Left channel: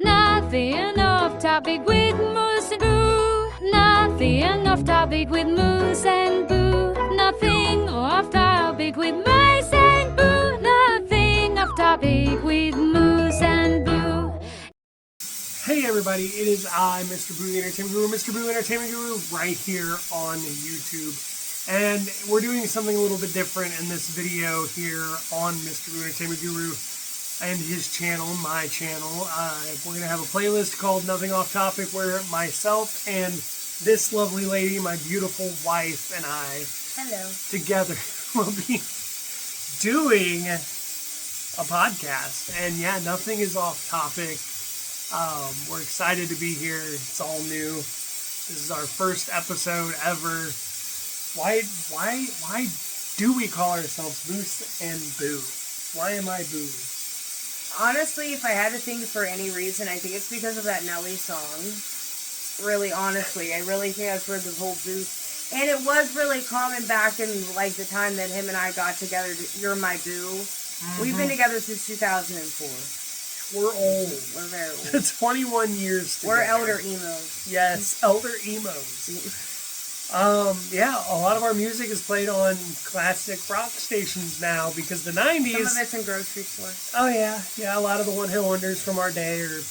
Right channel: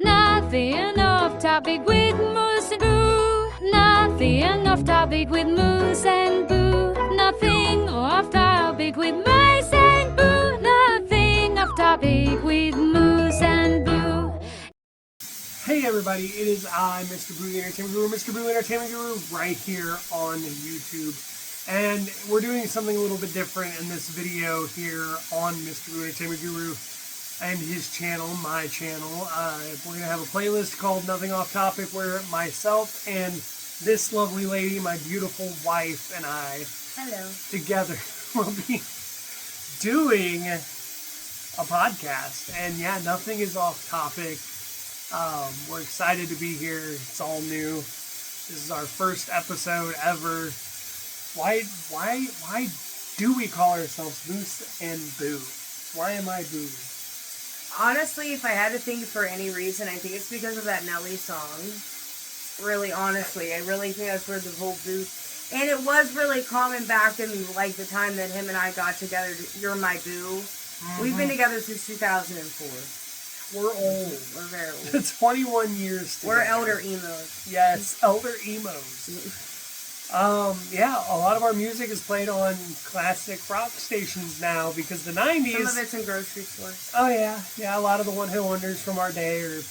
Nothing off topic with Moose and Boo. Nothing off topic with Moose and Boo. Nothing off topic with Mice and Boo. Nothing off topic with Moose and Boo. Hey everybody, it is I, Mr. Boo, the Entertainment Guru, Mr. Boo, Entertainment Guru, right here on YouTube. And we're doing something a little bit different in this video here on Mr. Boo, Entertainment Guru and his channel, my channel. We're going to have a playlist called Nothing Off Topic where myself and this lovely lady, my beautiful wife, and I, together will be doing a podcast. And yeah, nothing is off topic. We're excited to be here. It's all new. This is our first episode ever. Why do we call ourselves Moose and Boo? Why am I Boo? Honestly, if I had to think for any reason, I think it's because of that Nelly song. Really, honestly, I really think that's where the whole Boo... And it was really common back in, like, the time that him and I got together. You're my Boo. Mm-hmm. We've been together since 2004. We're old. We're very old. 21 years together. We're elder emos. Yes, elder emos. Yeah, a lot of our music is played on classic rock stations now because the 90s... Some of it's in grocery stores. Oh, yeah. Yeah, a lot of the one-hit wonders from our day are,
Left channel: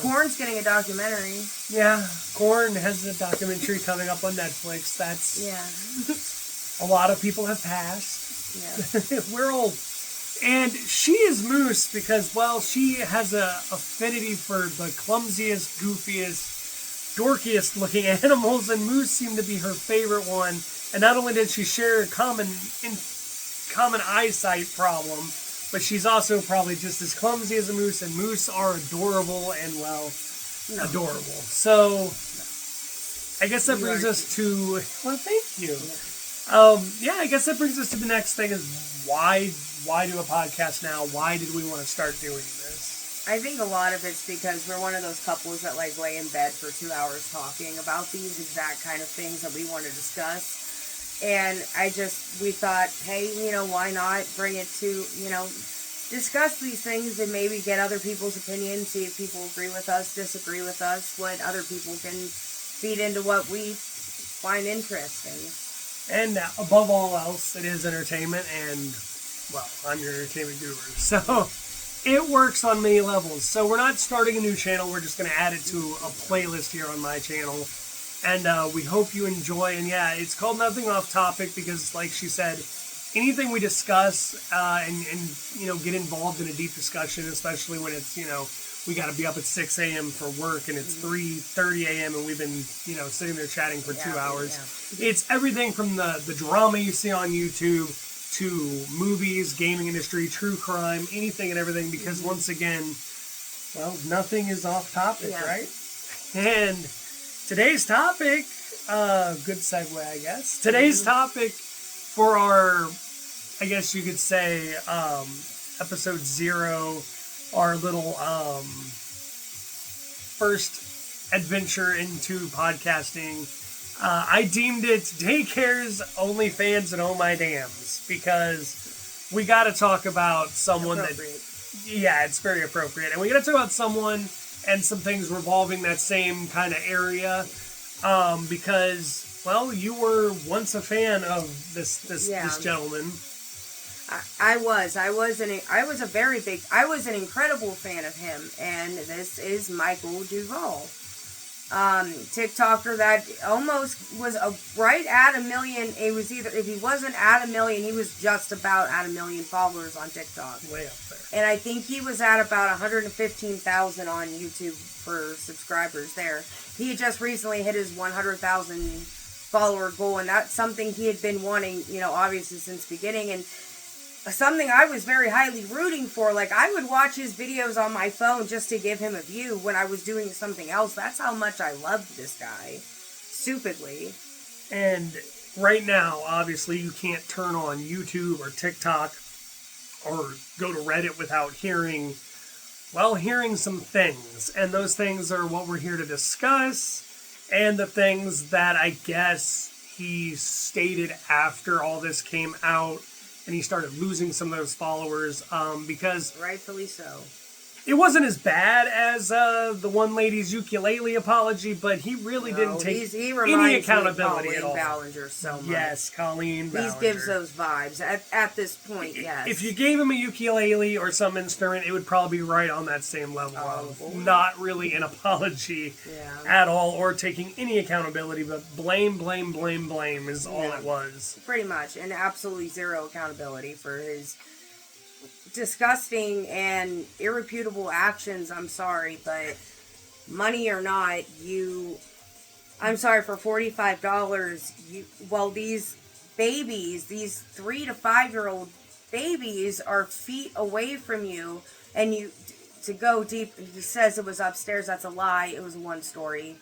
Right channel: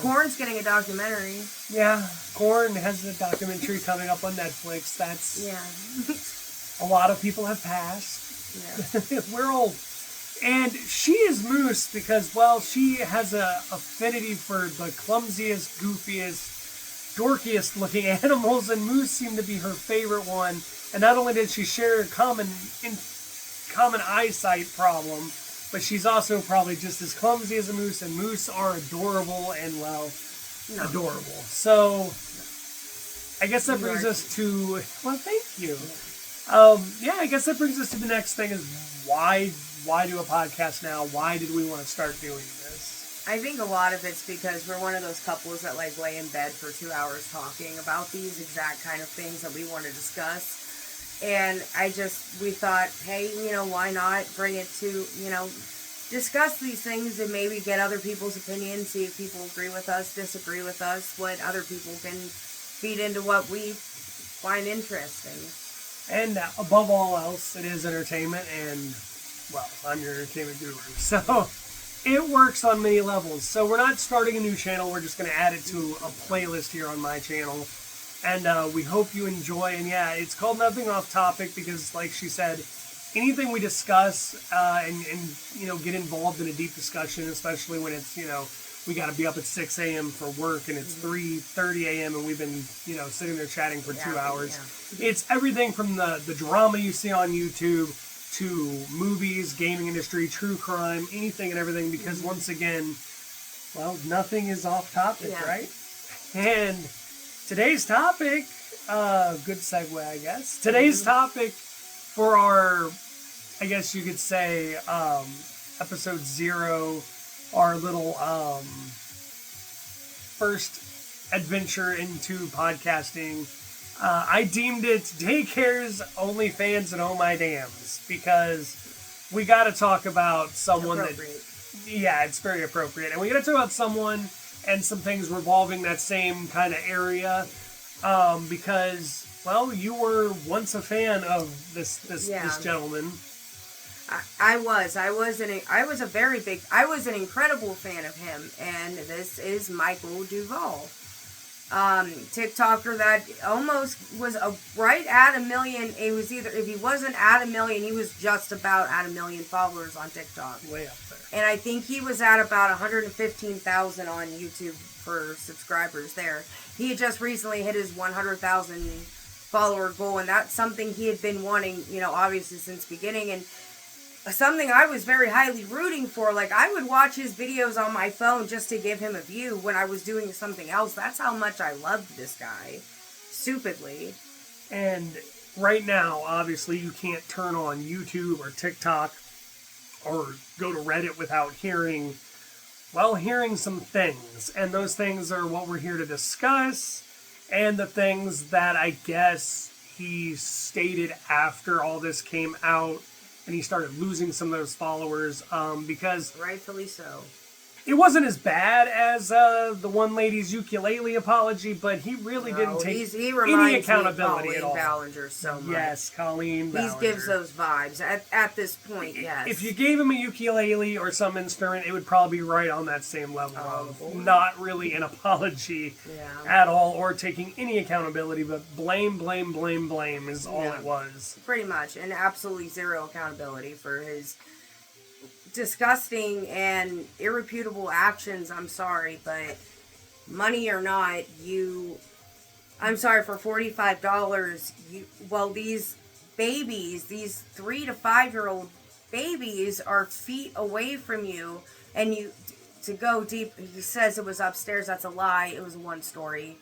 Korn's getting a documentary. Yeah, Korn has a documentary coming up on Netflix. That's... Yeah. A lot of people have passed. Yeah. We're old. And she is Moose because, well, she has a affinity for the clumsiest, goofiest, dorkiest looking animals, and Moose seemed to be her favorite one. And not only did she share a common eyesight problem, but she's also probably just as clumsy as a moose, and moose are adorable and, well, adorable. So, I guess that brings us to, well, thank you. Yeah, I guess that brings us to the next thing is why do a podcast now? Why did we want to start doing this? I think a lot of it's because we're one of those couples that like lay in bed for 2 hours talking about these exact kind of things that we want to discuss. And we thought, hey, why not bring it to, discuss these things and maybe get other people's opinions, see if people agree with us, disagree with us, what other people can feed into what we find interesting. And above all else, it is entertainment, and, well, I'm your entertainment guru, so it works on many levels. So we're not starting a new channel, we're just going to add it to a playlist here on my channel, and we hope you enjoy. And yeah, it's called Nothing Off Topic because, like she said, anything we discuss and get involved in a deep discussion, especially when it's, we got to be up at 6 a.m. for work, and it's 3:30 a.m. and we've been, sitting there chatting for 2 hours. Yeah. It's everything from the drama you see on YouTube to movies, gaming industry, true crime, anything and everything, because once again, well, nothing is off topic, right? And today's topic, good segue, I guess. Today's topic for our, I guess you could say, episode 0, our little first adventure into podcasting, I deemed it Daycare's Only Fans and Oh My Dams, because we got to talk about someone it's very appropriate, and we got to talk about someone and some things revolving that same kind of area, because, well, you were once a fan of this gentleman. I was an incredible fan of him, and this is Micheal Duvall. TikToker that almost was right at 1 million. It was either, if he wasn't at 1 million, he was just about at 1 million followers on TikTok. Way up there. And I think he was at about 115,000 on YouTube for subscribers there. He had just recently hit his 100,000 follower goal, and that's something he had been wanting, obviously since the beginning, and something I was very highly rooting for. Like, I would watch his videos on my phone just to give him a view when I was doing something else. That's how much I loved this guy. Stupidly. And right now, obviously, you can't turn on YouTube or TikTok or go to Reddit without hearing some things. And those things are what we're here to discuss, and the things that I guess he stated after all this came out, and he started losing some of those followers, because... Rightfully so. It wasn't as bad as the one lady's ukulele apology, but he really didn't take he any reminds accountability me at of all. Colleen Ballinger so much. Yes, Colleen Ballinger. He gives those vibes at this point. Yes. If you gave him a ukulele or some instrument, it would probably be right on that same level of not really an apology at all, or taking any accountability, but blame is all it was. Pretty much, and absolutely zero accountability for his disgusting and irreputable actions. I'm sorry, but money or not, I'm sorry, for $45, these babies, these 3 to 5 year old babies are feet away from you, and to go deep, he says it was upstairs. That's a lie. It was a 1-story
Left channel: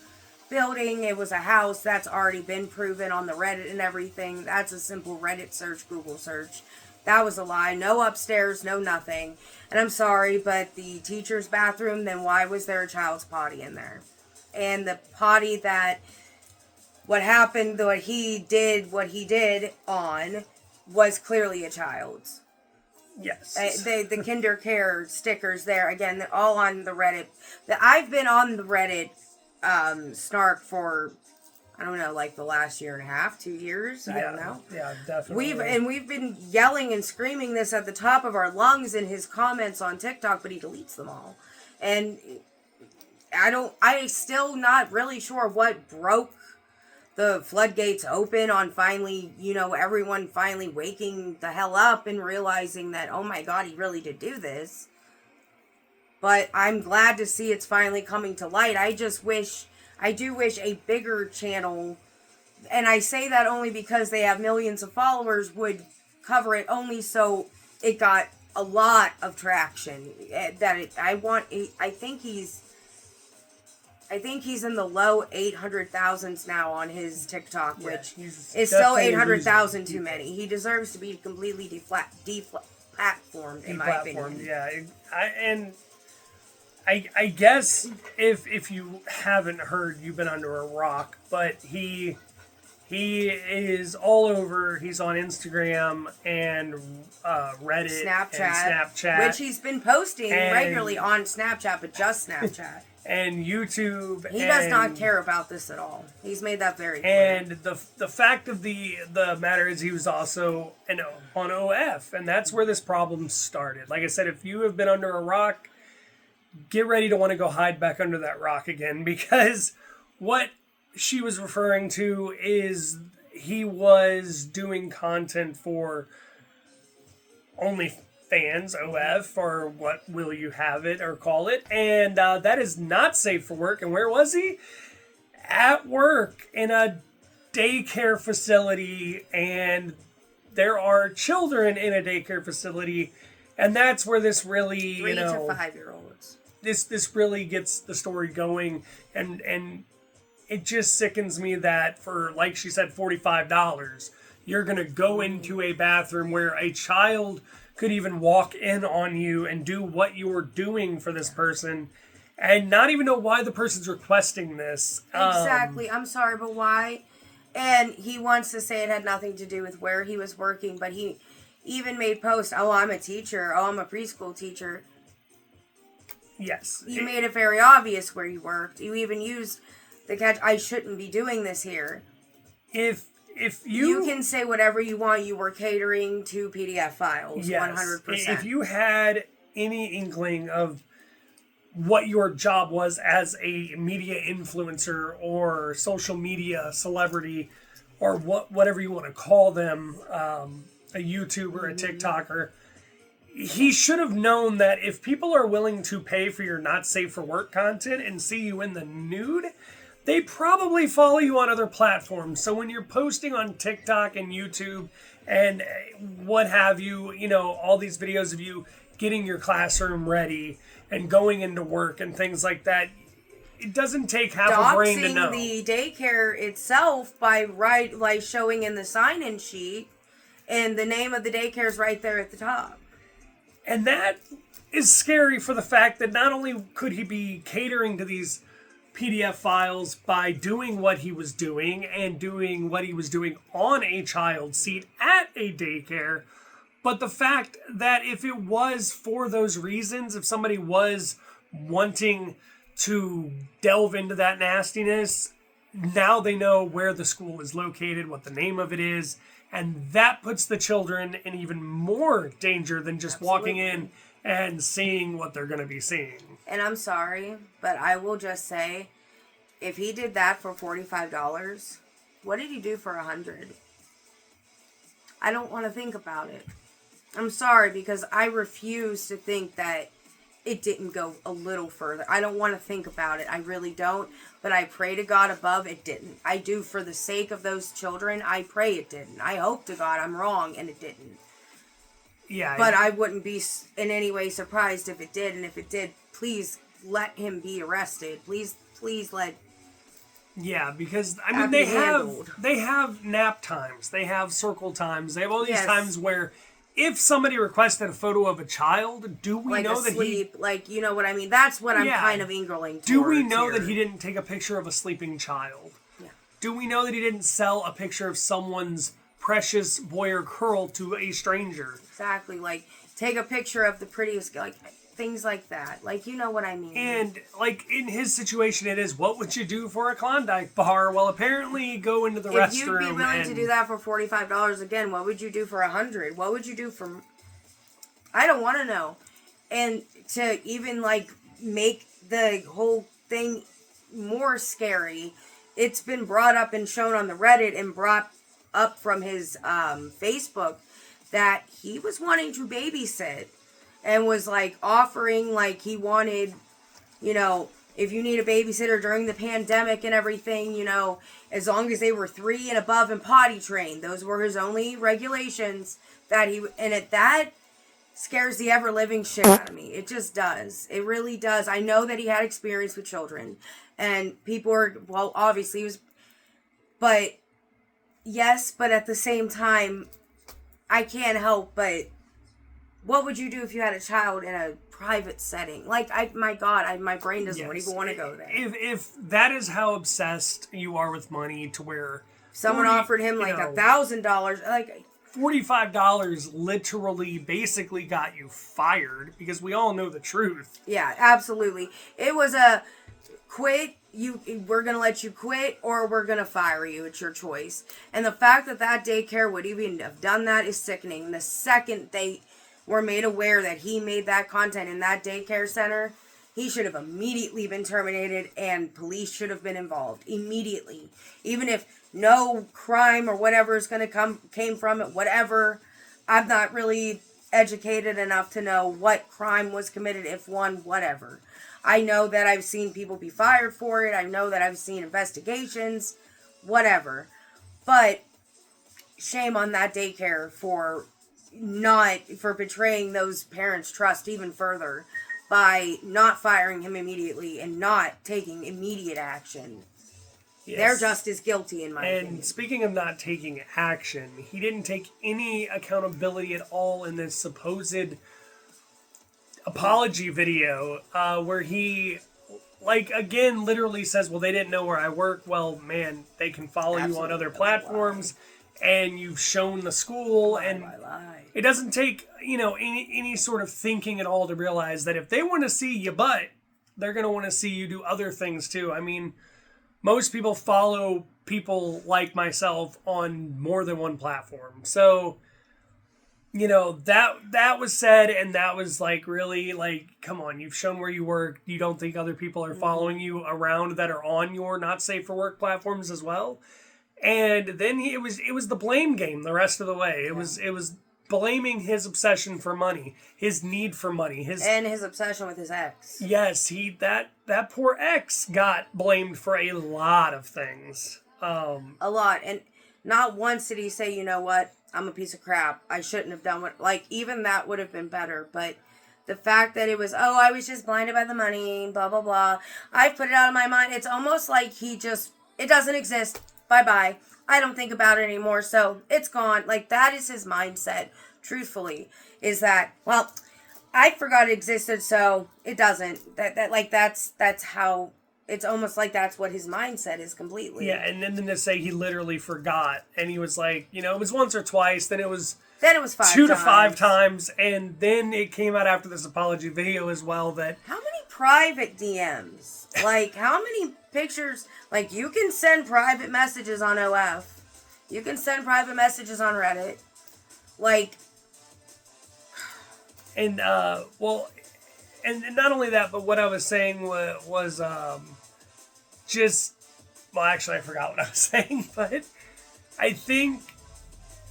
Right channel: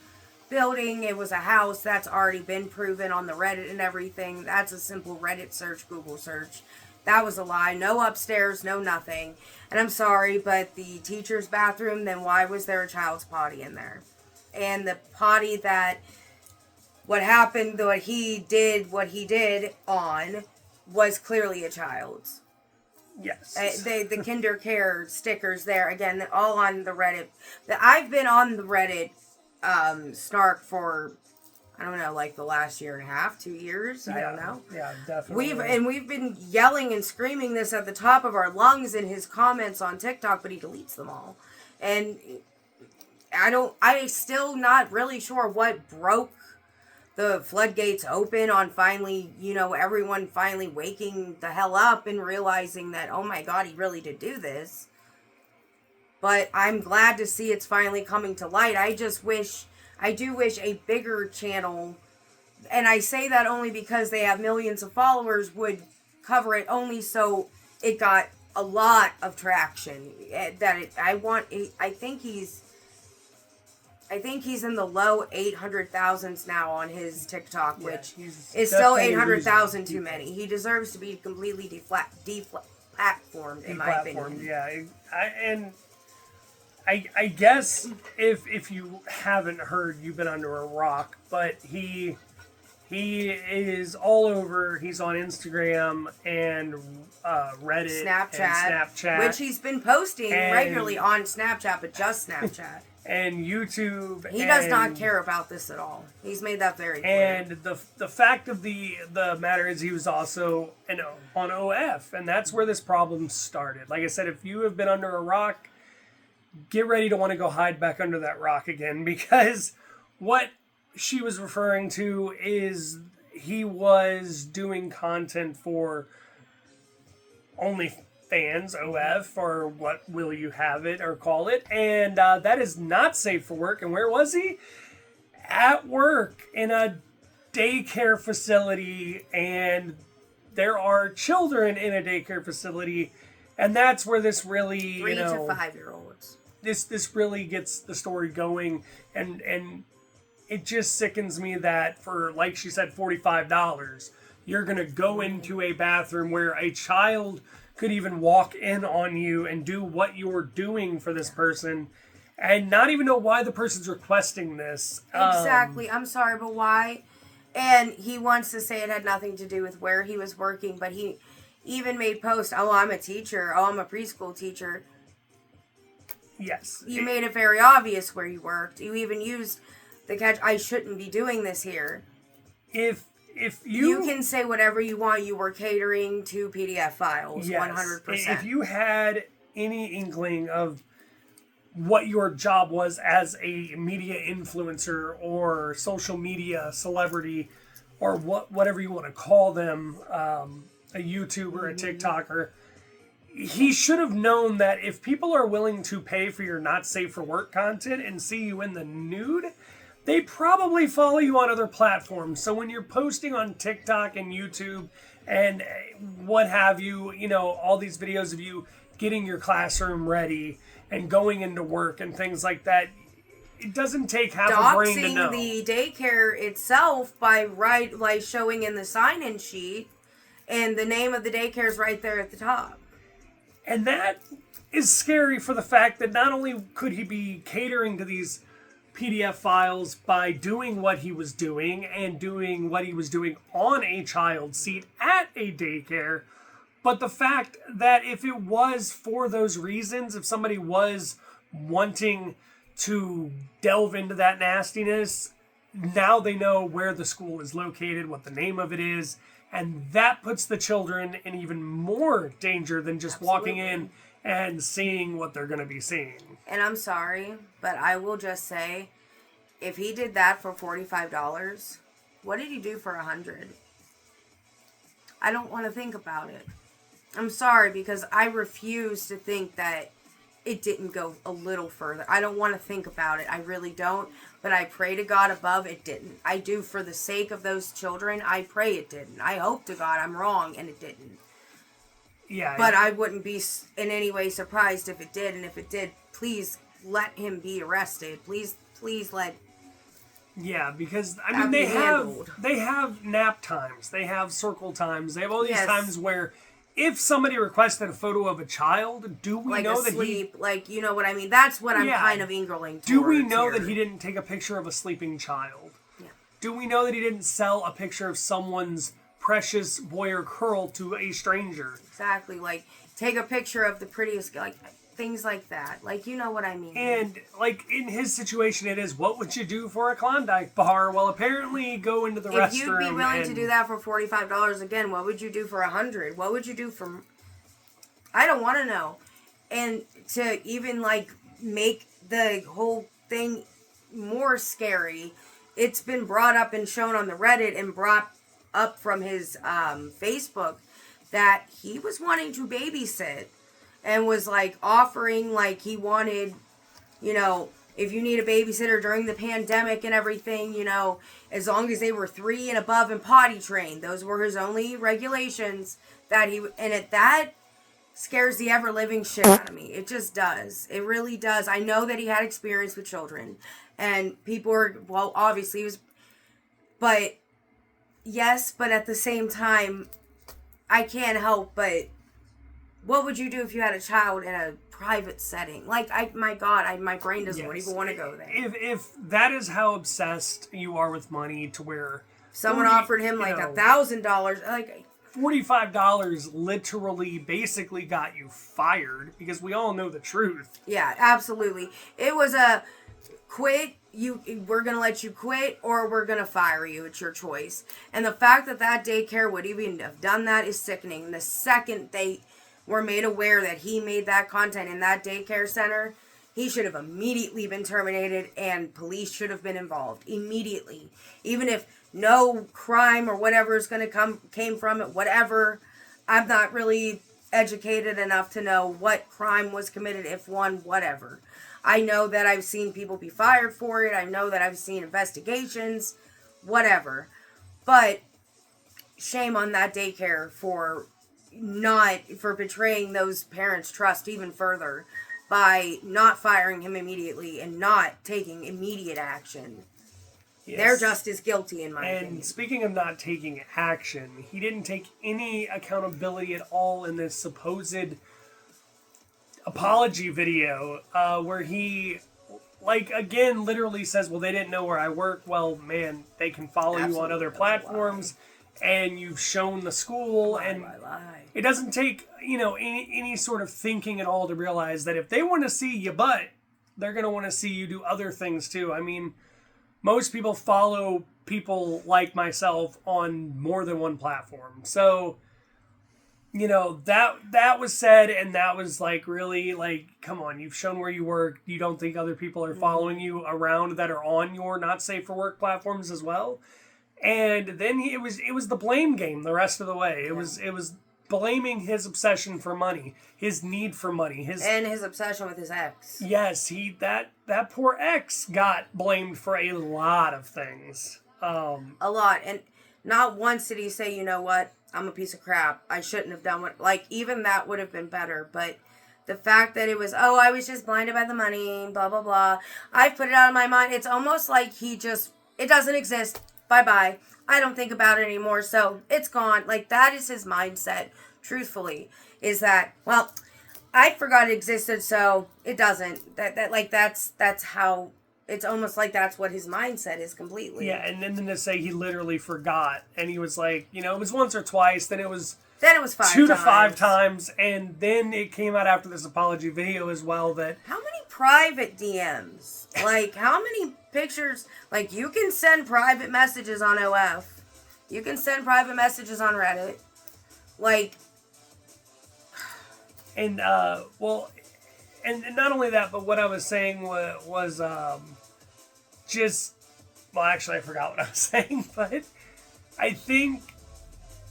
building. It was a house. That's already been proven on the Reddit and everything. That's a simple Reddit search, Google search. That was a lie. No upstairs, no nothing. And I'm sorry, but the teacher's bathroom, then why was there a child's potty in there? And the potty what he did on was clearly a child's. Yes. The kinder care stickers there, again, all on the Reddit. I've been on the Reddit snark for, I don't know, like the last year and a half, 2 years. I don't know. Yeah, definitely. We've been yelling and screaming this at the top of our lungs in his comments on TikTok, but he deletes them all. And I still not really sure what broke the floodgates open on finally, everyone finally waking the hell up and realizing that, oh my God, he really did do this. But I'm glad to see it's finally coming to light. I do wish a bigger channel, and I say that only because they have millions of followers, would cover it only so it got a lot of traction. I think he's in the low 800,000s now on his TikTok, which is still 800,000 too many. He deserves to be completely deplatformed, in my opinion. Yeah, I guess if you haven't heard, you've been under a rock, but he is all over. He's on Instagram and Reddit, Snapchat, which he's been posting regularly on Snapchat, but just Snapchat. And YouTube. He does not care about this at all. He's made that very clear. And the fact of the matter is, he was also on OF, and that's where this problem started. Like I said, if you have been under a rock, get ready to want to go hide back under that rock again, because what she was referring to is he was doing content for OnlyFans, OF, or what will you have it or call it, and that is not safe for work. And where was he? At work in a daycare facility, and there are children in a daycare facility, and that's where this really 3 to 5-year-olds. This really gets the story going, and it just sickens me that for, like she said, $45, you're gonna go into a bathroom where a child could even walk in on you and do what you're doing for this person, and not even know why the person's requesting this. Exactly. I'm sorry, but why? And he wants to say it had nothing to do with where he was working, but he even made posts, oh, I'm a teacher, oh, I'm a preschool teacher. Yes. You made it very obvious where you worked. You even used the catch, I shouldn't be doing this here. If you can say whatever you want, you were catering to PDF files, yes, 100%. If you had any inkling of what your job was as a media influencer or social media celebrity, or whatever you want to call them, a YouTuber, a TikToker, he should have known that if people are willing to pay for your not safe for work content and see you in the nude, they probably follow you on other platforms. So when you're posting on TikTok and YouTube and what have you, all these videos of you getting your classroom ready and going into work and things like that, it doesn't take half a brain to know. Doxing the daycare itself by showing in the sign-in sheet, and the name of the daycare is right there at the top. And that is scary for the fact that not only could he be catering to these PDF files by doing what he was doing and doing what he was doing on a child seat at a daycare, But the fact that if it was for those reasons, if somebody was wanting to delve into that nastiness, now they know where the school is located, what the name of it is, and that puts the children in even more danger than just walking in and seeing what they're going to be seeing. And I'm sorry, but I will just say, if he did that for $45, what did he do for $100? I don't want to think about it. I'm sorry, because I refuse to think that it didn't go a little further. I don't want to think about it. I really don't. But I pray to God above it didn't. I do, for the sake of those children. I pray it didn't. I hope to God I'm wrong and it didn't. Yeah. But I wouldn't be in any way surprised if it did. And if it did, please let him be arrested. Please let. Yeah, because I mean they have nap times, they have circle times, they have all these times where if somebody requested a photo of a child, do we like know that sleep, like, you know what I mean? That's what I'm kind of angling towards. Do we know here. that he didn't take a picture of a sleeping child? Yeah. Do we know that he didn't sell a picture of someone's precious boy or girl to a stranger? Exactly, like take a picture of the prettiest, like things like that. Like, you know what I mean? And like in his situation, it is, what would you do for a Klondike bar? Well, apparently go into the restroom. If you'd be willing to do that for $45 again, what would you do for $100? What would you do for? I don't want to know. And to even like make the whole thing more scary, it's been brought up and shown on the Reddit and brought up from his Facebook that he was wanting to babysit. And was like offering, like he wanted, you know, if you need a babysitter during the pandemic and everything, you know, as long as they were 3 and above and potty trained. Those were his only regulations that that scares the ever living shit out of me. It just does. It really does. I know that he had experience with children and people are, well, obviously he was, but yes, but at the same time, I can't help but. What would you do if you had a child in a private setting? Like, my brain doesn't even want to go there. If that is how obsessed you are with money, to where someone offered him like $1,000, like $45 literally basically got you fired, because we all know the truth. Yeah, absolutely. It was a quit. We're gonna let you quit, or we're gonna fire you. It's your choice. And the fact that daycare would even have done that is sickening. The second they were made aware that he made that content in that daycare center, he should have immediately been terminated and police should have been involved immediately. Even if no crime or whatever is going to came from it, whatever. I'm not really educated enough to know what crime was committed, if one, whatever. I know that I've seen people be fired for it. I know that I've seen investigations, whatever. But shame on that daycare for betraying those parents' trust even further by not firing him immediately and not taking immediate action. Yes. They're just as guilty, in my opinion. And speaking of not taking action, he didn't take any accountability at all in this supposed apology video where he, like, again, literally says, well, they didn't know where I work. Well, man, they can follow you on other platforms. And you've shown the school, and it doesn't take, any sort of thinking at all to realize that if they want to see your butt, they're going to want to see you do other things too. I mean, most people follow people like myself on more than one platform. So, that was said, and that was like, really, like, come on, you've shown where you work. You don't think other people are following you around that are on your not safe for work platforms as well? And then it was the blame game the rest of the way. It was blaming his obsession for money, his need for money, his obsession with his ex. Yes, that poor ex got blamed for a lot of things. A lot, and not once did he say, you know what, I'm a piece of crap. I shouldn't have done what. Like, even that would have been better. But the fact that it was, I was just blinded by the money, blah blah blah. I put it out of my mind. It's almost like it doesn't exist. Bye-bye. I don't think about it anymore, so it's gone. Like, that is his mindset, truthfully, is that, well, I forgot it existed, so it doesn't. That's how, it's almost like that's what his mindset is completely. Yeah, and then to say he literally forgot, and he was like, it was once or twice, then it was Then it was 5 2 times. to 5 times, and then it came out after this apology video as well that... How many private DMs? Like, how many pictures? Like, you can send private messages on OF. You can send private messages on Reddit. Like... And, well, and not only that, but what I was saying was just... Well, actually, I forgot what I was saying, but I think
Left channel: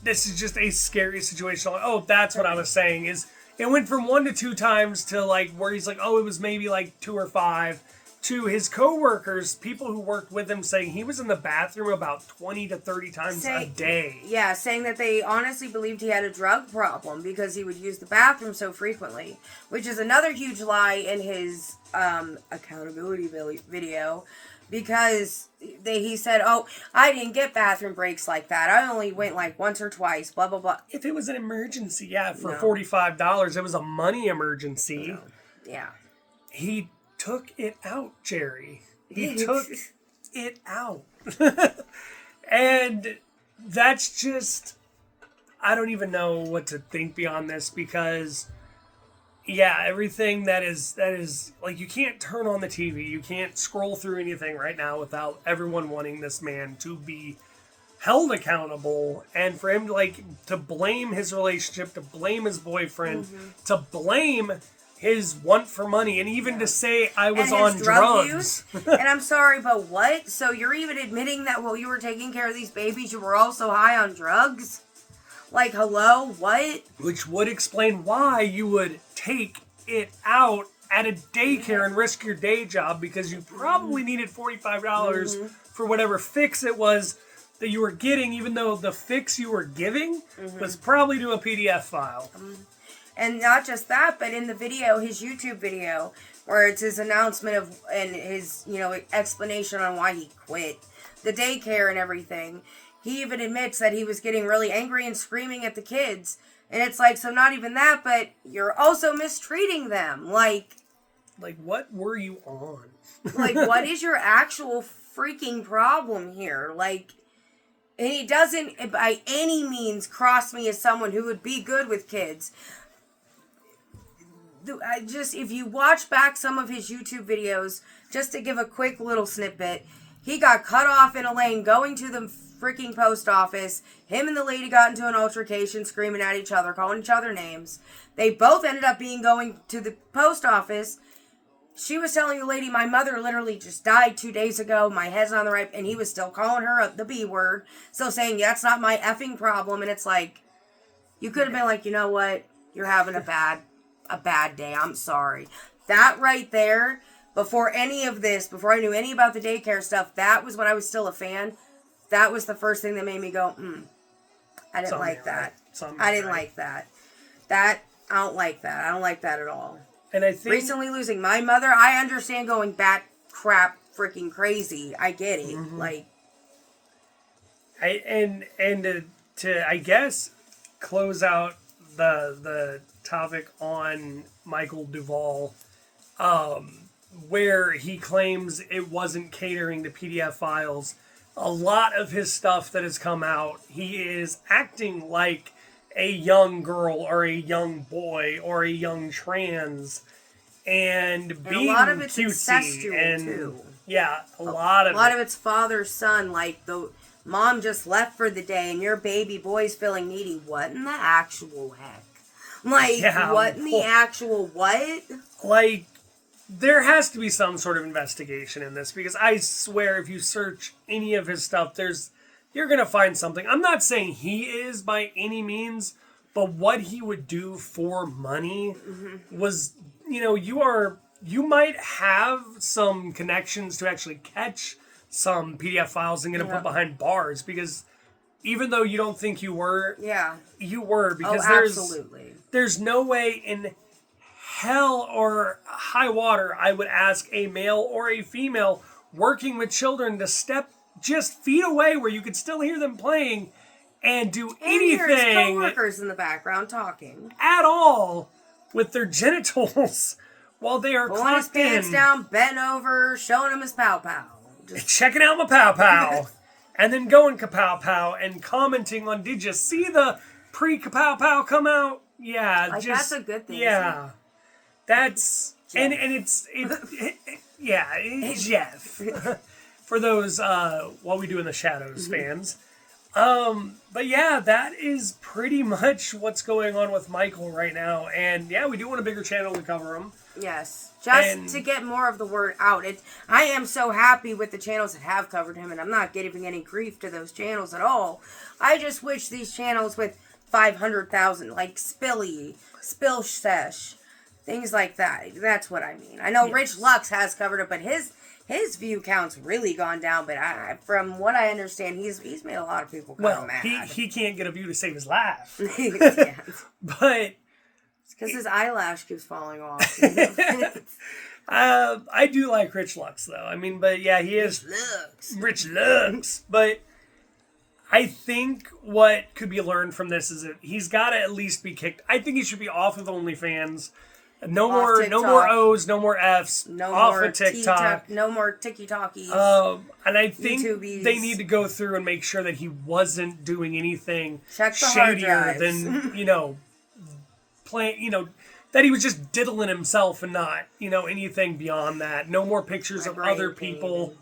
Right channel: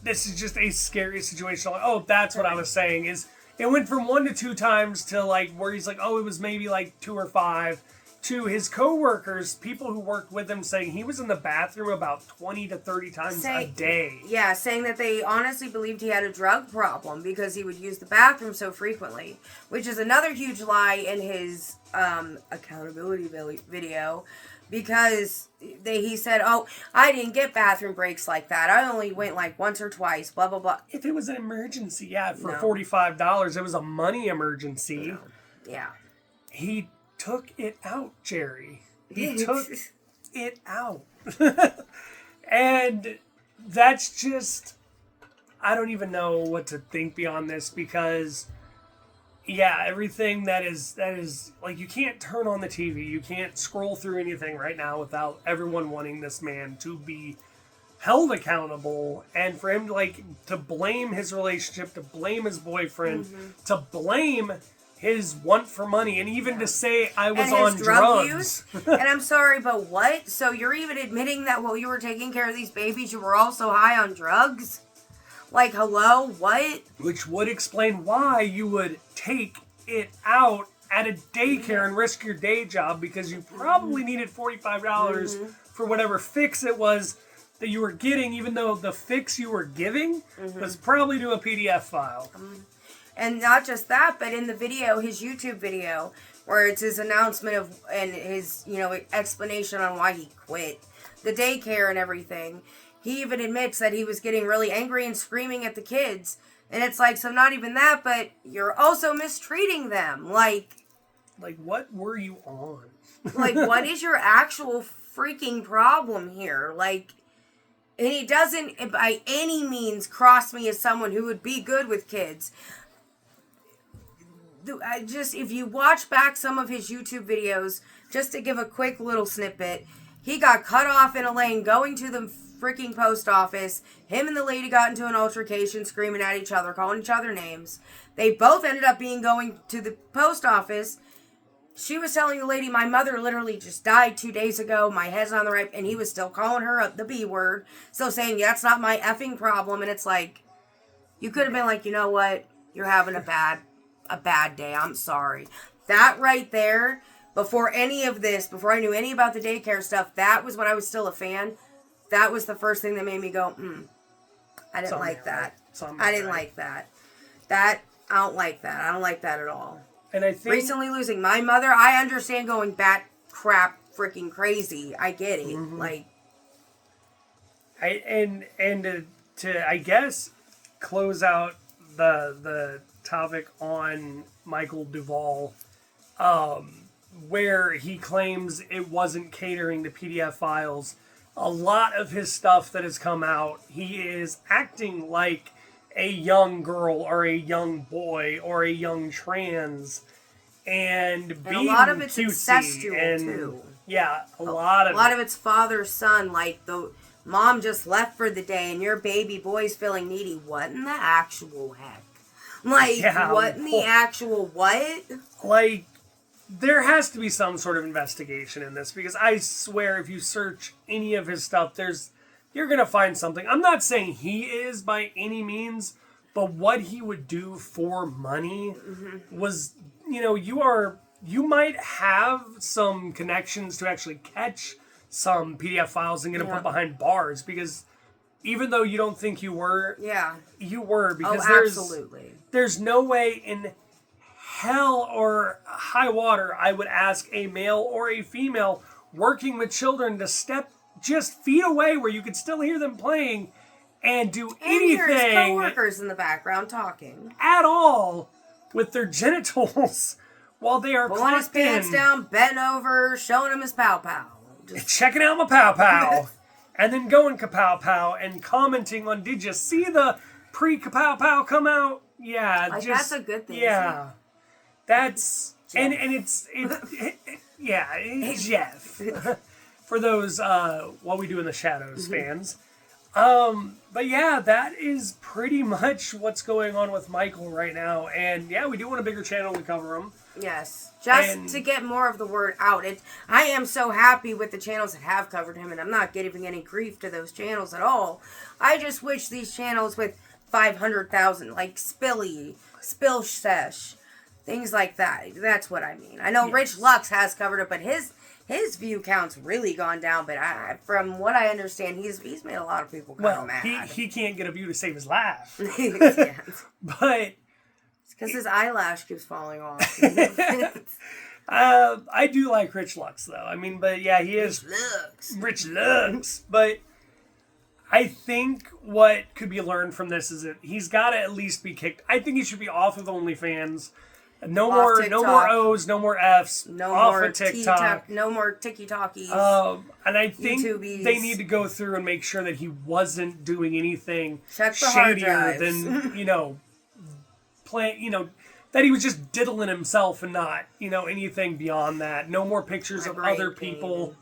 this is just a scary situation. Oh, that's what I was saying, is it went from 1 to 2 times to, like, where he's like, oh, it was maybe, like, 2 or 5, to his co-workers, people who worked with him, saying he was in the bathroom about 20 to 30 times a day. Yeah, saying that they honestly believed he had a drug problem because he would use the bathroom so frequently, which is another huge lie in his accountability video, because he said, oh, I didn't get bathroom breaks like that. I only went like once or twice, blah, blah, blah. If it was an emergency, yeah, for $45, it was a money emergency. No. Yeah. He took it out, Jerry. He took it out. And that's just, I don't even know what to think beyond this, because yeah, everything that is like, you can't turn on the TV, you can't scroll through anything right now without everyone wanting this man to be held accountable, and for him to blame his relationship, to blame his boyfriend, to blame his want for money, and even to say I was on drugs. And I'm sorry, but what? So you're even admitting that while you were taking care of these babies, you were also high on drugs? Like, hello? What? Which would explain why you would take it out at a daycare and risk your day job, because you probably needed $45 for whatever fix it was that you were getting, even though the fix you were giving was probably to a PDF file. And not just that, but in the video, his YouTube video, where it's his announcement of, and his, explanation on why he quit the daycare and everything, he even admits that he was getting really angry and screaming at the kids. And it's like, so not even that, but you're also mistreating them. Like, what were you on? Like, what is your actual freaking problem here? Like, and he doesn't by any means cross me as someone who would be good with kids. If you watch back some of his YouTube videos, just to give a quick little snippet, he got cut off in a lane going to the freaking post office. Him and the lady got into an altercation, screaming at each other, calling each other names. They both ended up going to the post office. She was telling the lady, my mother literally just died 2 days ago. My head's on the right. And he was still calling her the B word. Still saying, that's not my effing problem. And it's like, you could have been like, you know what? You're having a bad day. I'm sorry. That right there, before any of this, before I knew any about the daycare stuff, that was when I was still a fan. That was the first thing that made me go, I didn't like that. I didn't like that. I don't like that. I don't like that at all. And I think recently losing my mother, I understand going bat crap freaking crazy. I get it. Like, to I guess close out the topic on Micheal Duvall, where he claims it wasn't catering to PDF files. A lot of his stuff that has come out, he is acting like a young girl or a young boy or a young trans, and being a lot of it's cutesy incestual too. Yeah, a lot of it's father son. Like, the mom just left for the day, and your baby boy's feeling needy. What in the actual heck? Like, what in the actual what? Like, there has to be some sort of investigation in this, because I swear if you search any of his stuff, you're going to find something. I'm not saying he is by any means, but what he would do for money was, you might have some connections to actually catch some PDF files and get them put behind bars, because even though you don't think you were, you were, because there's no way in hell or high water I would ask a male or a female working with children to step just feet away where you could still hear them playing and do anything. And his coworkers in the background talking at all with their genitals while they are pulling his pants down, bent over, showing him his pow pow, just checking out my pow pow, and then going kapow pow and commenting on, did you see the pre-kapow pow come out. Yeah, Like, just, that's a good thing. Yeah, that's and it's Jeff for those What We Do in the Shadows fans. But yeah, that is pretty much what's going on with Micheal right now. And yeah, we do want a bigger channel to cover him. Yes. Just to get more of the word out. I am so happy with the channels that have covered him, and I'm not giving any grief to those channels at all. I just wish these channels with 500,000, like Spill Sesh, things like that. That's what I mean. I know Rich Lux has covered it, but his view count's really gone down. But from what I understand, he's made a lot of people kind of mad. He can't get a view to save his laugh. Yeah. But because his eyelash keeps falling off. I do like Rich Lux though. I mean, but yeah, he is Rich Lux. But I think what could be learned from this is that he's got to at least be kicked. I think he should be off of OnlyFans. No more O's, no more F's. No off more of TikTok. No more TikTokies. And I think YouTubies. they need to go through and make sure that he wasn't doing anything Check the hard shadier drives. than that he was just diddling himself and not anything beyond that. No more pictures of other people.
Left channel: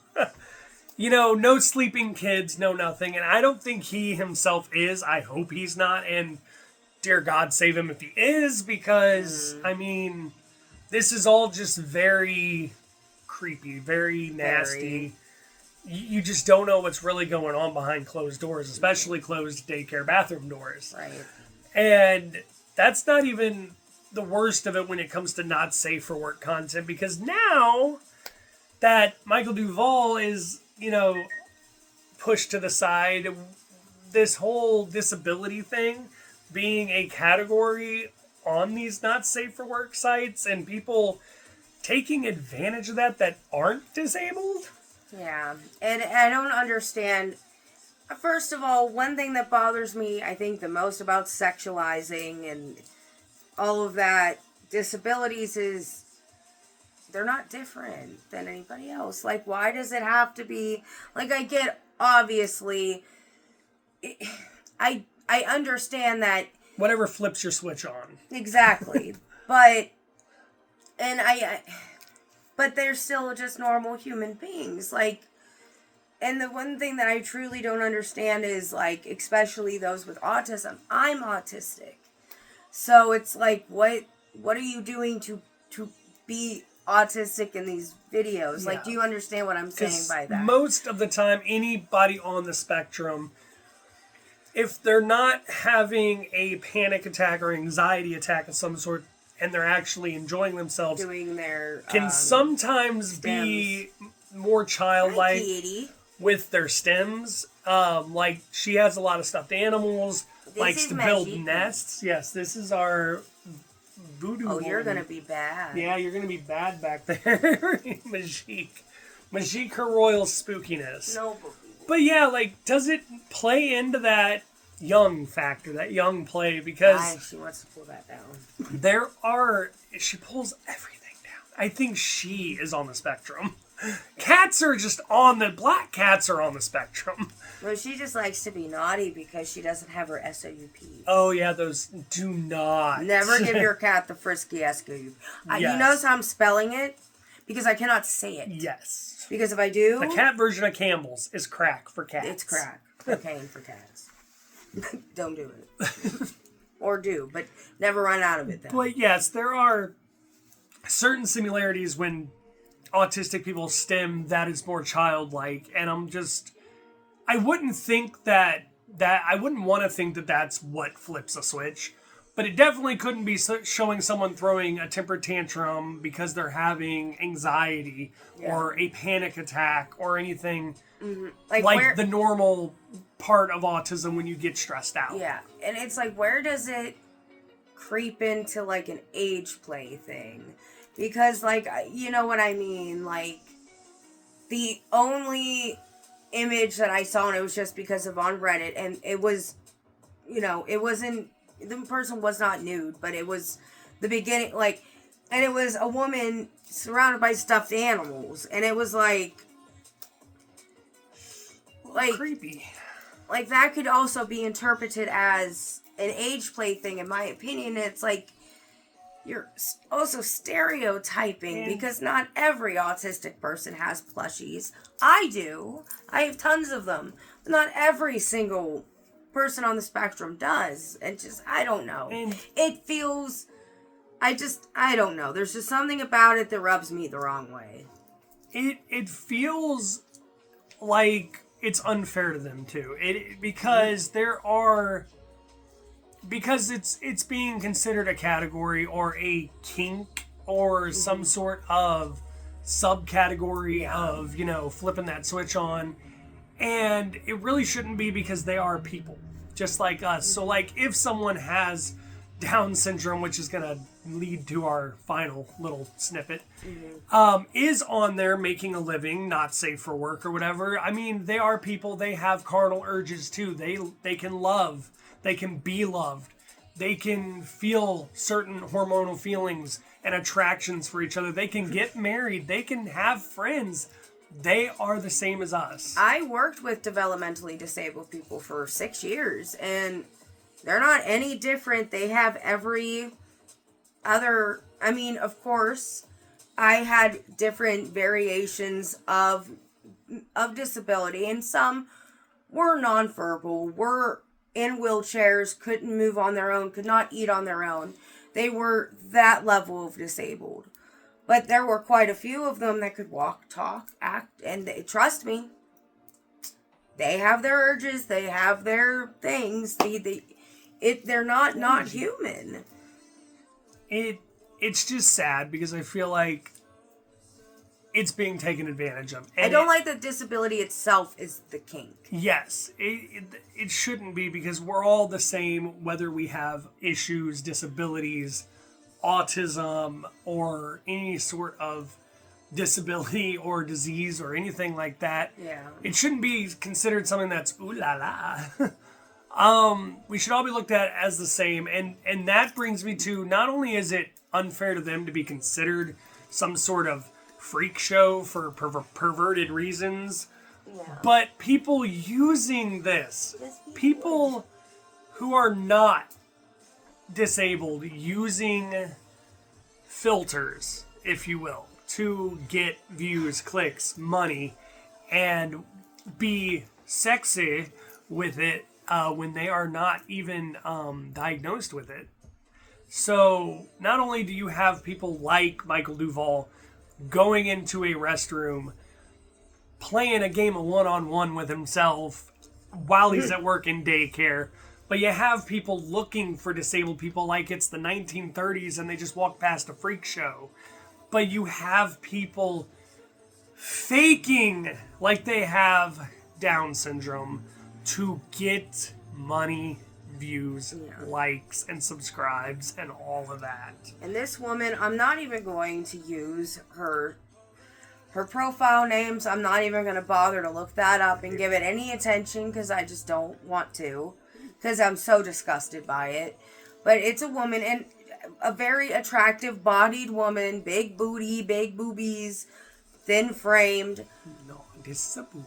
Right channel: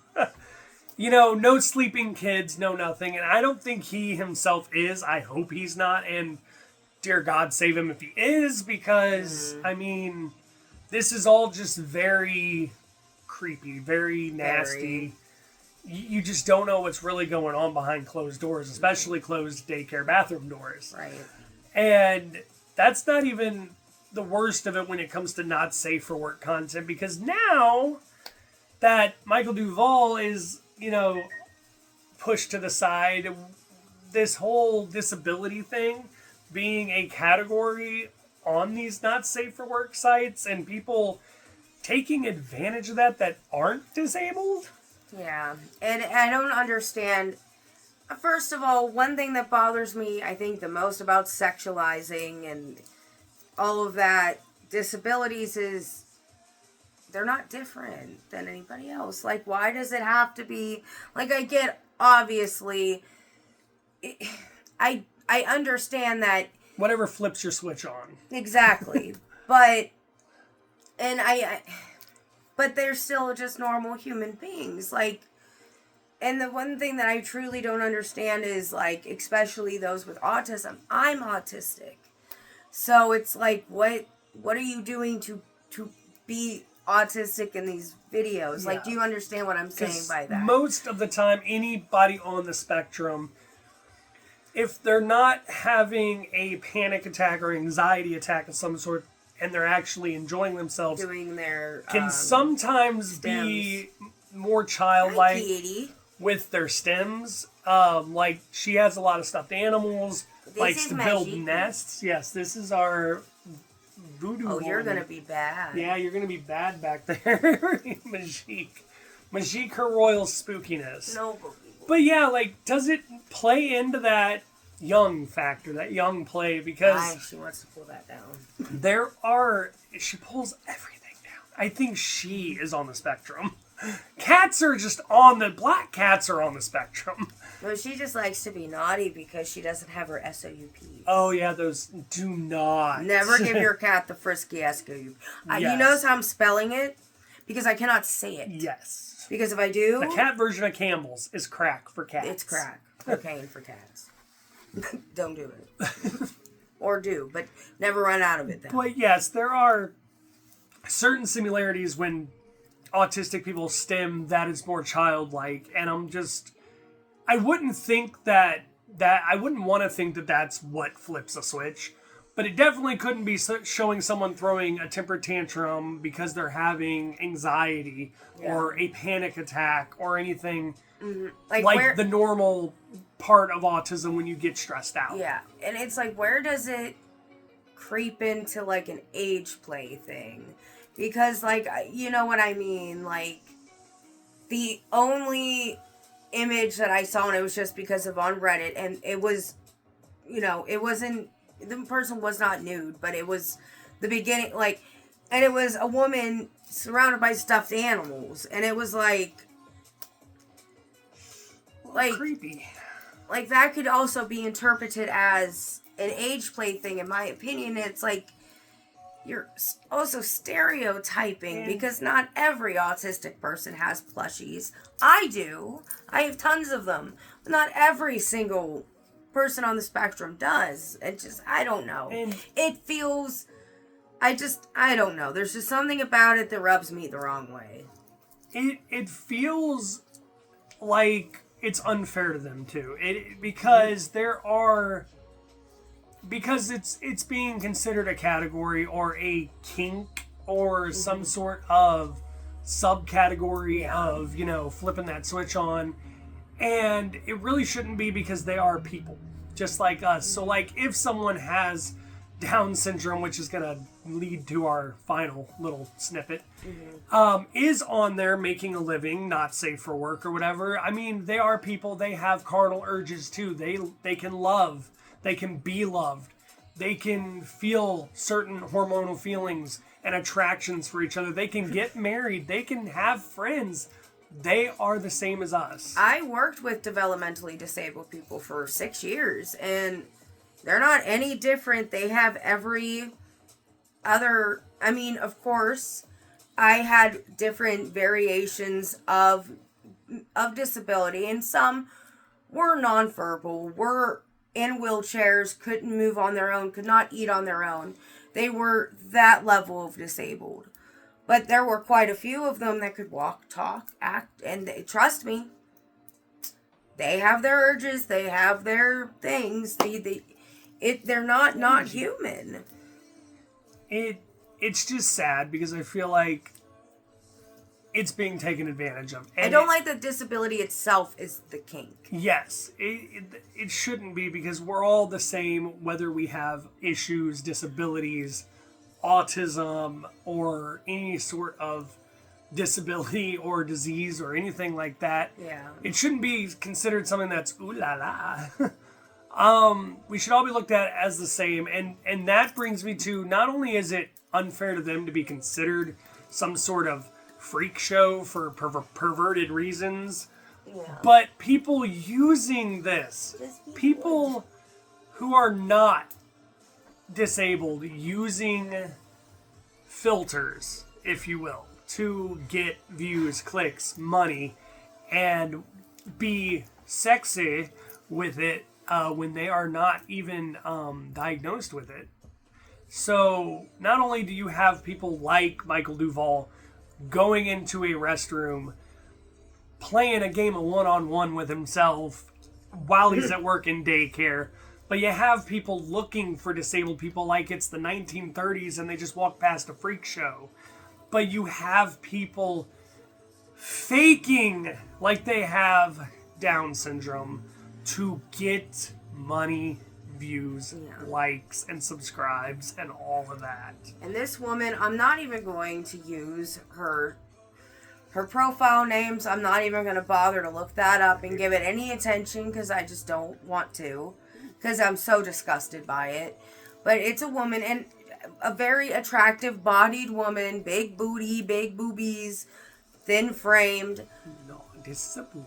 No sleeping kids, no nothing. And I don't think he himself is. I hope he's not. And dear God, save him if he is, because, I mean, this is all just very creepy, very nasty. You just don't know what's really going on behind closed doors, especially closed daycare bathroom doors. Right. And that's not even the worst of it when it comes to not safe for work content, because now that Micheal Duvall is, pushed to the side, this whole disability thing being a category on these not safe for work sites and people taking advantage of that aren't disabled. Yeah, and I don't understand. First of all, one thing that bothers me, I think, the most about sexualizing and all of that, disabilities, is they're not different than anybody else. Like, why does it have to be, like, I get, obviously, I understand that. Whatever flips your switch on. Exactly. But they're still just normal human beings. Like, and the one thing that I truly don't understand is, like, especially those with autism. I'm autistic. So it's like, what are you doing to be autistic in these videos? Like, do you understand what I'm saying by that? Most of the time, anybody on the spectrum, if they're not having a panic attack or anxiety attack of some sort, and they're actually enjoying themselves, doing their can sometimes stems. Be more childlike with their stems. Like, she has a lot of stuffed animals, likes to build nests. Yes, this is our voodoo. Oh, you're gonna be bad. Yeah, you're gonna be bad back there, Majik, her royal spookiness. No. But yeah, like, does it play into that young factor, that young play? Because she wants to pull that down. She pulls everything down. I think she is on the spectrum. Cats are just black cats are on the spectrum. No, she just likes to be naughty because she doesn't have her SOUP. Oh yeah, those do not. Never give your cat the frisky SOUP. Yes. You notice how I'm spelling it? Because I cannot say it. Yes. Because if I do... The cat version of Campbell's is crack for cats. It's crack. Cocaine for cats. Don't do it. Or do, but never run out of it then. But yes, there are certain similarities when autistic people stem that is more childlike, and I wouldn't think that I wouldn't want to think that that's what flips a switch, but it definitely couldn't be showing someone throwing a temper tantrum because they're having anxiety or a panic attack or anything like the normal part of autism when you get stressed out. Yeah, and it's like, where does it creep into like an age play thing? Because, like, you know what I mean? Like, the only image that I saw, and it was just because of on Reddit, and it was, it wasn't, the person was not nude, but it was the beginning, like, and it was a woman surrounded by stuffed animals, and it was like creepy. Like, that could also be interpreted as an age play thing, in my opinion. It's like you're also stereotyping because not every autistic person has plushies. I do. I have tons of them. But not every single person on the spectrum does. It just, I don't know. It feels, I don't know. There's just something about it that rubs me the wrong way. It feels like it's unfair to them too. Because it's being considered a category or a kink or some sort of subcategory of, flipping that switch on. And it really shouldn't be, because they are people just like us. So like if someone has Down syndrome, which is going to lead to our final little snippet, is on there making a living, not safe for work or whatever. I mean, they are people. They have carnal urges too. They can love. They can be loved. They can feel certain hormonal feelings and attractions for each other. They can get married. They can have friends. They are the same as us. I worked with developmentally disabled people for 6 years, and they're not any different. They have every other, I mean, of course, I had different variations of disability, and some were nonverbal, were in wheelchairs, couldn't move on their own, could not eat on their own. They were that level of disabled. But there were quite a few of them that could walk, talk, act, and trust me, they have their urges, they have their things. They're not human. It's just sad because I feel like it's being taken advantage of. And I don't like that disability itself is the kink. Yes, it shouldn't be, because we're all the same, whether we have issues, disabilities, autism, or any sort of disability or disease or anything like that. Yeah. It shouldn't be considered something that's ooh la la. We should all be looked at as the same, and that brings me to, not only is it unfair to them to be considered some sort of freak show for perverted reasons, but people using this, people who are not disabled, using filters, if you will, to get views, clicks, money, and be sexy with it when they are not even diagnosed with it. So not only do you have people like Micheal Duvall going into a restroom, playing a game of one-on-one with himself while he's at work in daycare, but you have people looking for disabled people like it's the 1930s and they just walk past a freak show. But you have people faking like they have Down syndrome to get money, views, likes, and subscribes, and all of that. And this woman, I'm not even going to use her profile names. I'm not even going to bother to look that up and give it any attention, because I just don't want to, because I'm so disgusted by it. But it's a woman, and a very attractive bodied woman, big booty, big boobies, thin framed. No, this is a boobie.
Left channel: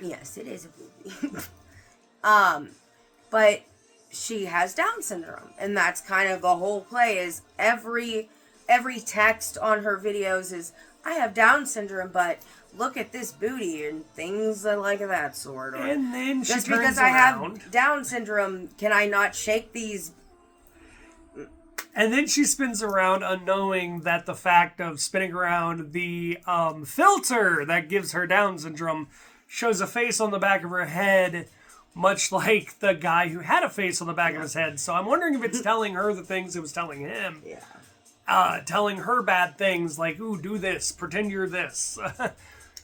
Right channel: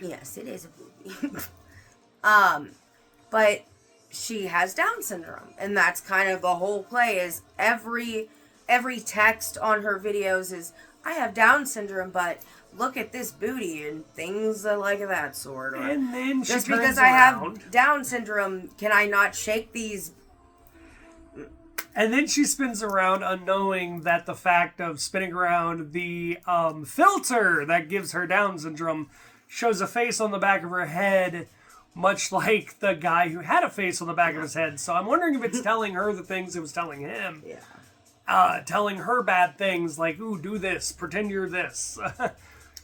Yes, it is a boobie. But she has Down syndrome, and that's kind of the whole play. Is every text on her videos is, I have Down syndrome, but look at this booty and things like that sort. Or, and then she just turns because around, I have Down syndrome, can I not shake these? And then she spins around, unknowing that the fact of spinning around the filter that gives her Down syndrome shows a face on the back of her head, much like the guy who had a face on the back of his head. So I'm wondering if it's telling her the things it was telling him. Yeah. Telling her bad things like, ooh, do this, pretend you're this.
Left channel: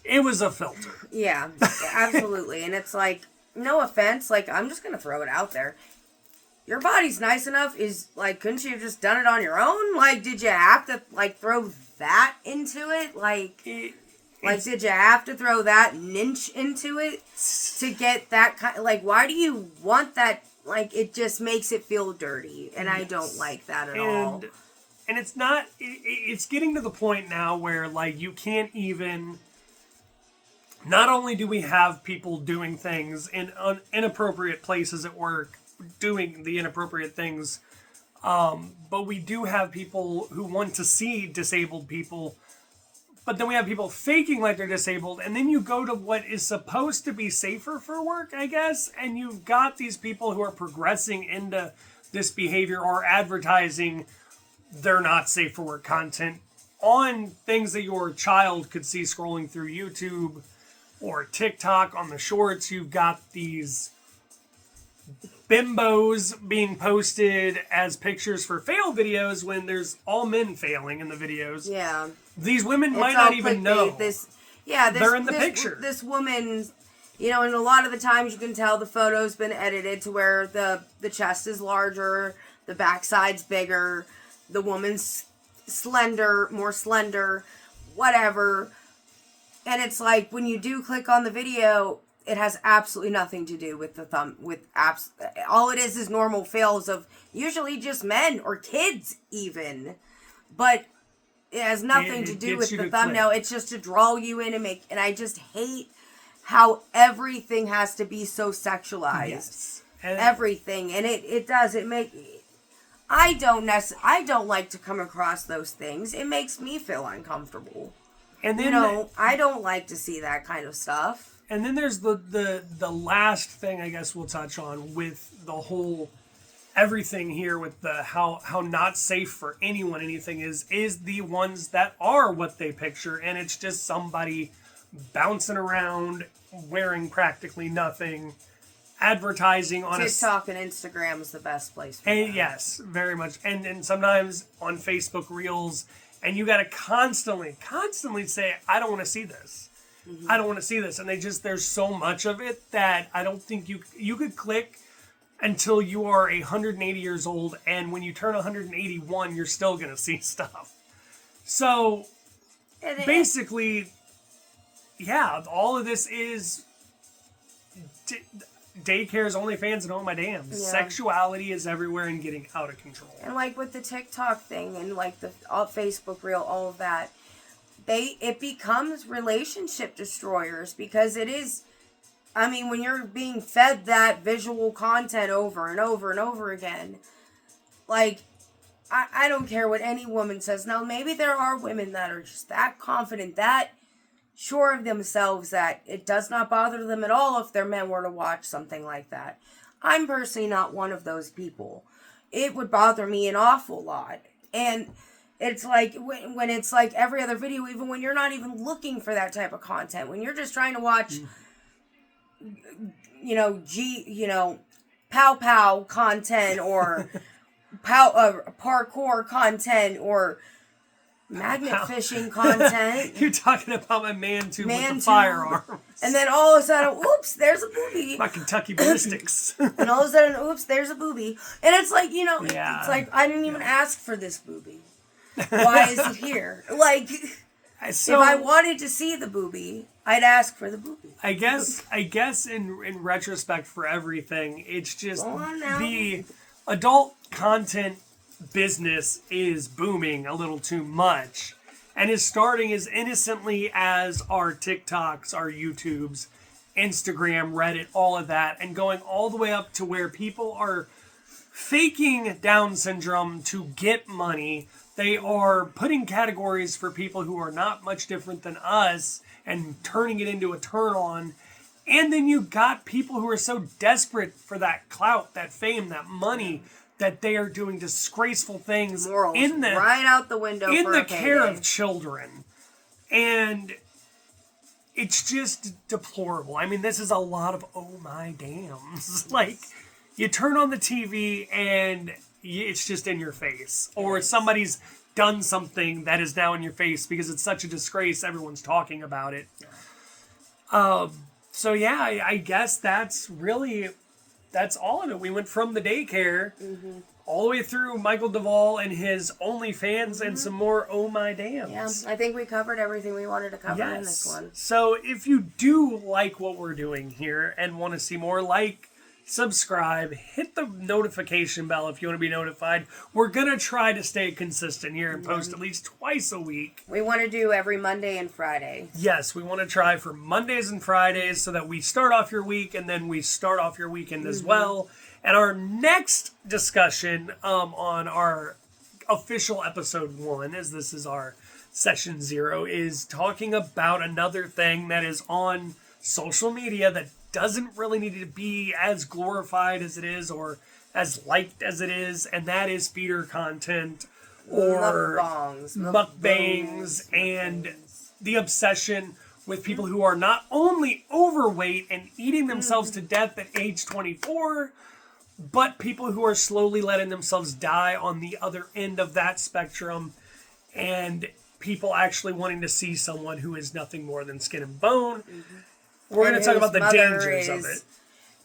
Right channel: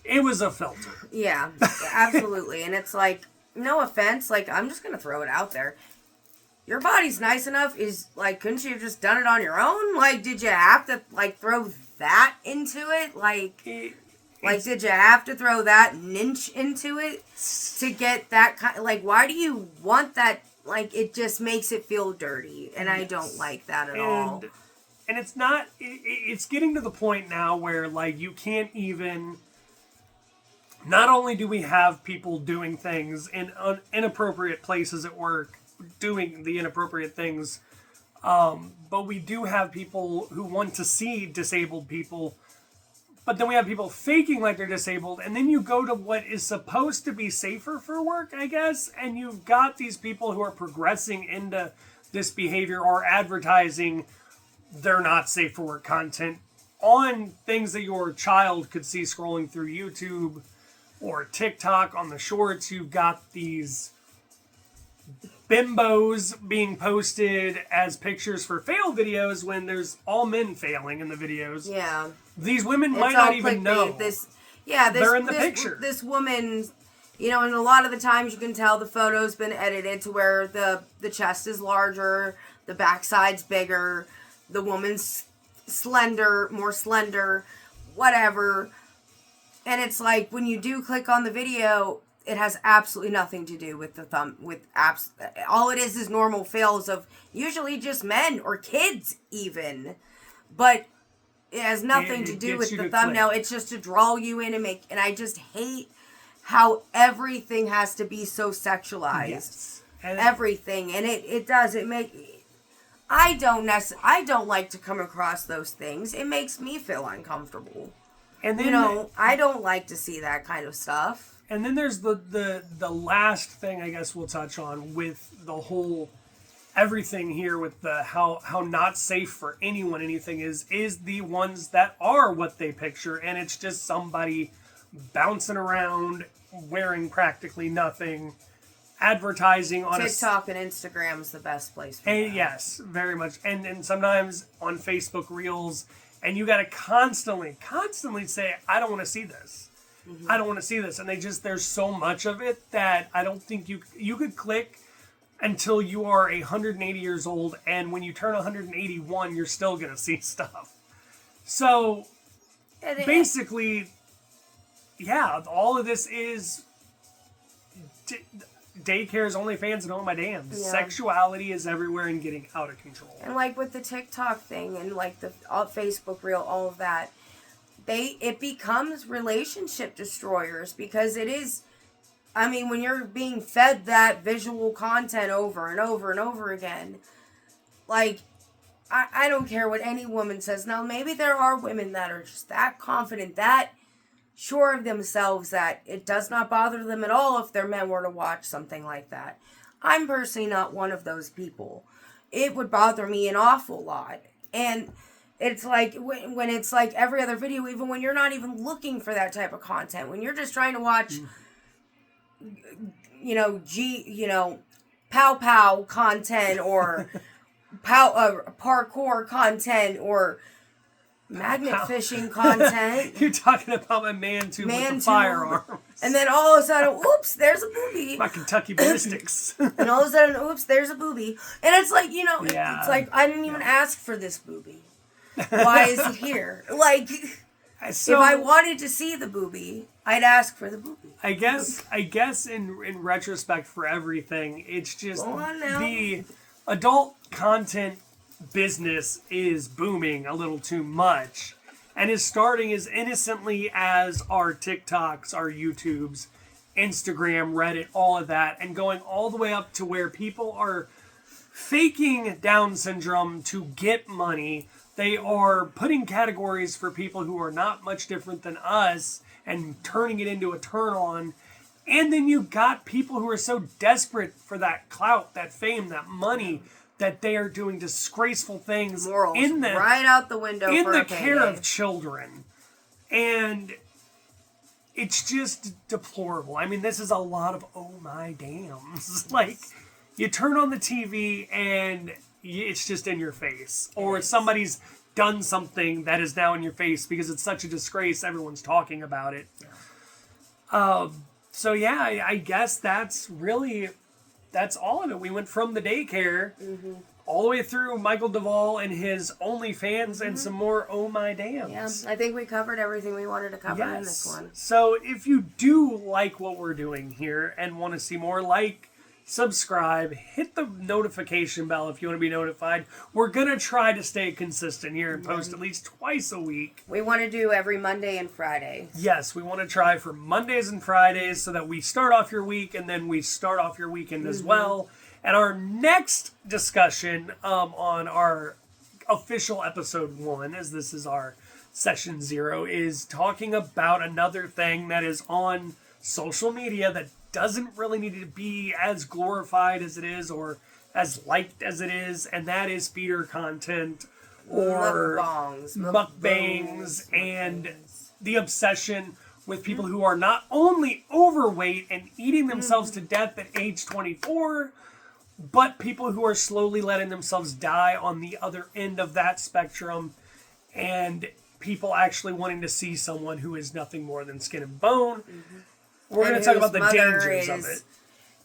It was a filter. Yeah, absolutely. And it's like, no offense, like, I'm just going to throw it out there. Your body's nice enough, is, like, couldn't you have just done it on your own? Like, did you have to, like, throw that into it? Like, did you have to throw that inch into it to get that kind? Like, why do you want that? Like, it just makes it feel dirty, and I don't like that at all. And it's not, it's getting to the point now where, like, you can't even, not only do we have people doing things in inappropriate places at work doing the inappropriate things. But we do have people who want to see disabled people, but then we have people faking like they're disabled, and then you go to what is supposed to be safer for work, I guess, and you've got these people who are progressing into this behavior or advertising they're not safe for work content on things that your child could see scrolling through YouTube or TikTok on the shorts. You've got these bimbos being posted as pictures for fail videos when there's all men failing in the videos. Yeah. These women might not even know they're in the picture. This woman, you know, and a lot of the times you can tell the photo's been edited to where the chest is larger, the backside's bigger, the woman's more slender, whatever. And it's like when you do click on the video, it has absolutely nothing to do with the thumb. All it is normal fails of usually just men or kids even, but it has nothing to do with the thumbnail. It's just to draw you in and make. And I just hate how everything has to be so sexualized. Yes. Everything, and it does. It make. I don't like to come across those things. It makes me feel uncomfortable. And then, I don't like to see that kind of stuff. And then there's the last thing I guess we'll touch on with the whole everything here with the how not safe for anyone anything is the ones that are what they picture, and it's just somebody bouncing around wearing practically nothing, advertising on TikTok and Instagram is the best place for that. Yes, very much. And sometimes on Facebook Reels, and you got to constantly say, I don't want to see this. Mm-hmm. I don't want to see this. And there's so much of it that I don't think you could click until you are 180 years old. And when you turn 181, you're still going to see stuff. So basically, yeah, all of this is Daycare's Only Fans and Oh My Dams. Yeah. Sexuality is everywhere and getting out of control. And like with the TikTok thing and like the Facebook Reel, all of that, it becomes relationship destroyers because it is. I mean, when you're being fed that visual content over and over and over again, like, I don't care what any woman says. Now, maybe there are women that are just that confident, that sure of themselves that it does not bother them at all if their men were to watch something like that. I'm personally not one of those people. It would bother me an awful lot. And it's like when it's like every other video, even when you're not even looking for that type of content, when you're just trying to watch, pow pow content or parkour content or magnet fishing content. You're talking about my man tube with the firearms. And then all of a sudden, oops, there's a booby. My Kentucky ballistics. And all of a sudden, oops, there's a booby. And it's like, it's like, I didn't even ask for this booby. Why is it here? Like, so, if I wanted to see the booby, I'd ask for the booby. I guess in retrospect for everything, it's just the adult content business is booming a little too much and is starting as innocently as our TikToks, our YouTubes, Instagram, Reddit, all of that, and going all the way up to where people are faking Down syndrome to get money. They are putting categories for people who are not much different than us and turning it into a turn on. And then you got people who are so desperate for that clout, that fame, that money, that they are doing disgraceful things morals right out the window in for the a payday. care of children. And it's just deplorable. I mean, this is a lot of oh my dams. Like, you turn on the TV and it's just in your face. Or somebody's done something that is now in your face because it's such a disgrace. Everyone's talking about it. Yeah. So yeah, I guess that's all of it. We went from the daycare all the way through Micheal Duvall and his OnlyFans and some more oh my dams. Yeah, I think we covered everything we wanted to cover in this one. So if you do like what we're doing here and want to see more, subscribe, hit the notification bell if you want to be notified. We're going to try to stay consistent here and post at least twice a week. We want to do every Monday and Friday. Yes, we want to try for Mondays and Fridays so that we start off your week and then we start off your weekend as well. And our next discussion on our official episode 1, as this is our session 0, is talking about another thing that is on social media that doesn't really need to be as glorified as it is or as liked as it is, and that is feeder content or mukbangs and the obsession with people who are not only overweight and eating themselves to death at age 24, but people who are slowly letting themselves die on the other end of that spectrum, and people actually wanting to see someone who is nothing more than skin and bone. We're going to talk about the dangers of it.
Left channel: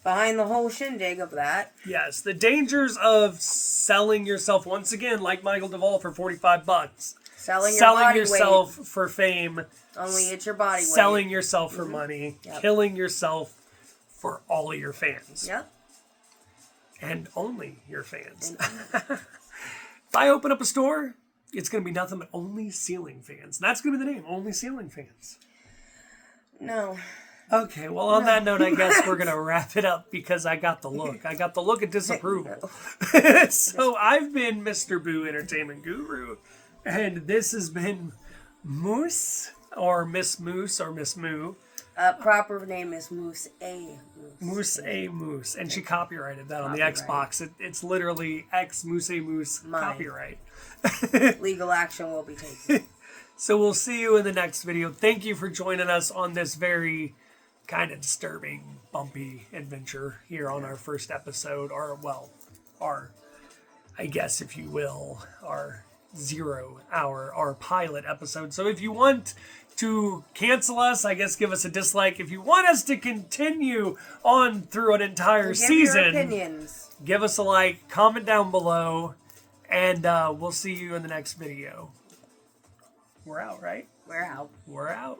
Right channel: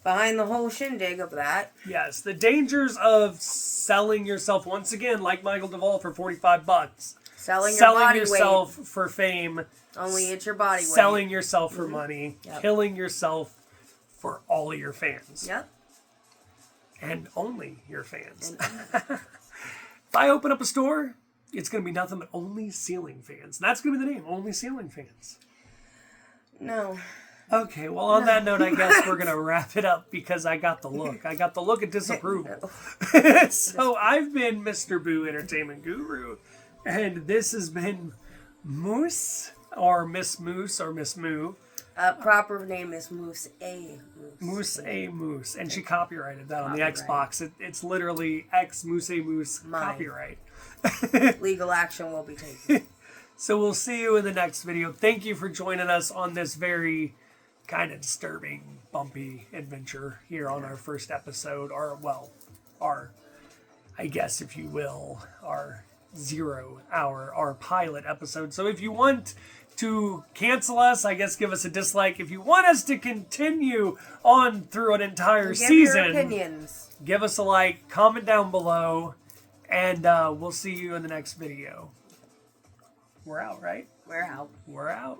Behind the whole shindig of that. Yes, the dangers of selling yourself, once again, like Micheal Duvall, for $45. Selling your body yourself weight. for fame. Only it's your body weight. Selling yourself for money. Yep. Killing yourself for all of your fans. Yep. And only your fans. If I open up a store, it's going to be nothing but Only Ceiling Fans. And that's going to be the name, Only Ceiling Fans. No. Okay, well, on that note, I guess we're going to wrap it up because I got the look. I got the look of disapproval. So I've been Mr. Boo Entertainment Guru, and this has been Moose, or Miss Moose, or Miss Moo. Proper name is Moose A. Moose A. Moose, and she copyrighted that on the Xbox. It's literally X Moose A. Moose copyright. Legal action will be taken. So we'll see you in the next video. Thank you for joining us on this very kind of disturbing, bumpy adventure here on our first episode, our, I guess, if you will, our 0 hour, our pilot episode. So if you want to cancel us, I guess give us a dislike. If you want us to continue on through an entire season, your opinions. Give us a like, comment down below, and we'll see you in the next video. We're out, right? We're out. We're out.